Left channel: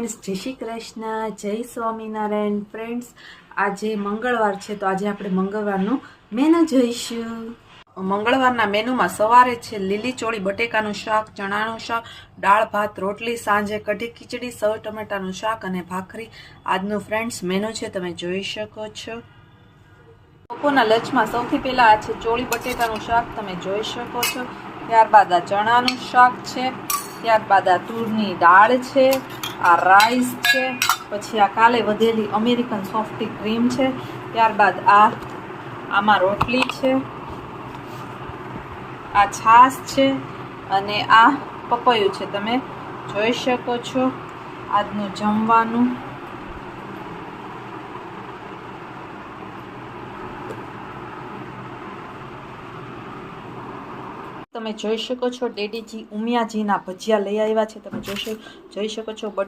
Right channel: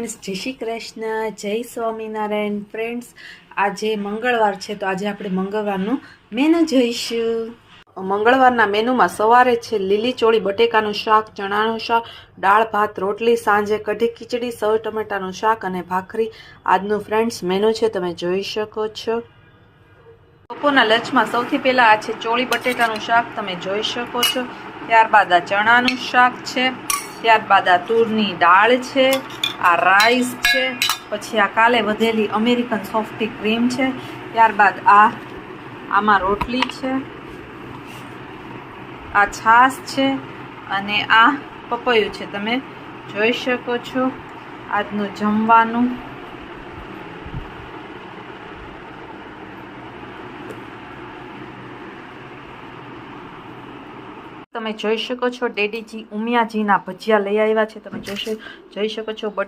Friends, જય શ્રી કૃષ્ણ, જય Swaminarayan. Friends, આજે મંગળવાર છે, તો આજે આપણે મંગળવારનું મેનુ જોઈશું. મંગળવારના મેનુમાં સવારે છે, લીલી ચોળી, બટેકાનું શાક, ચણાનું શાક, દાળ, ભાત, રોટલી, સાંજે કઢી ખીચડી, સૌ ટમેટાનું શાક અને ભાખરી. આજનું ફ્રેન્ડ્સ, મેનુ છે, તમે જોઈ શકો છો. બપોરના લંચમાં સૌથી પહેલાં આ છે, ચોળી, બટેટાનું શાક, તમે જોઈ શકો છો. ત્યારબાદ આ ચણાનું શાક છે. ત્યારબાદ આ તુરની દાળ છે. આ રાઈસ છે, પછી આ કાલે વધેલી અમેરિકન સોફ્ટી ક્રીમ છે, ત્યારબાદ આ, આમાં રોટલી છે, આ છાશ છે, અને આ પપૈયું છે. તમે જોઈ શકો છો આજનું જમવાનું. તમે જોઈ શકો છો ડેડીજી ઉમિયાજીના ભજીયા લઈ આવ્યા છે. તમે જોઈ શકો જોઈ શકો છો